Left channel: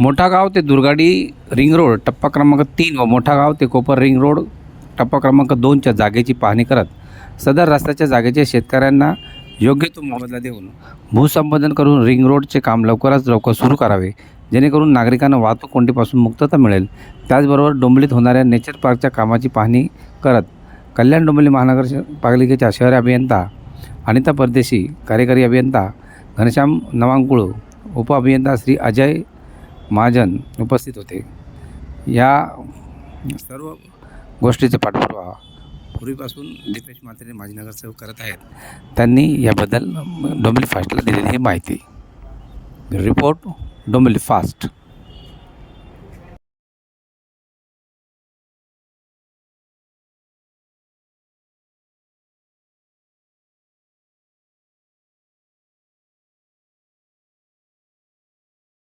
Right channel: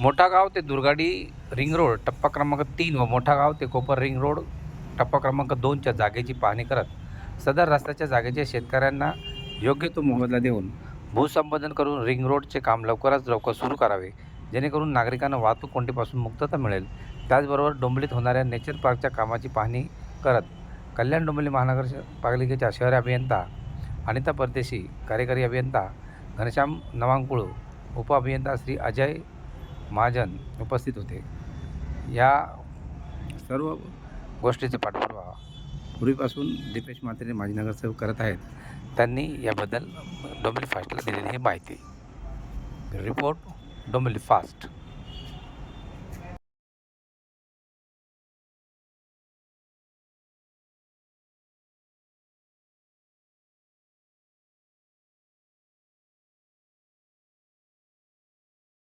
मोठा गाव ते दुर्गाडी रिंग रोड टप्पा क्रमांक तीन व मोठा गाव ते कोपर रिंग रोड टप्पा क्रमांक दोनच्या जागेची पाहणी करत सदर रस्त्याच्या जागेच्या शेतकऱ्यांना योग्य तो मोबदला देऊन भूसंपादन करून रिंग रोडचे काम लवकरात लवकर सुरू करावे जेणेकरून नागरिकांना वाहतूक कोंडीपासून मुक्तता मिळेल. त्याचबरोबर डोंबलीत होणाऱ्या नेचर पार्कच्या कामाची पाहणी करत कल्याण डोंबिवली महानगर पालिकेच्या शहर अभियंता अनिता परदेशी कार्यकारी अभियंता घनश्याम नवांकुळ उपअभियंता श्री अजय महाजन उपस्थित होते. या सर्व गोष्टीचा पाठपुरावा पूर्वीपासून दीपेश म्हात्रे माजी नगरसेवक करत आहेत. त्यांनी याबद्दल डोंबिवली फास्टला दिलेली ही माहिती. Report Dombivli fast.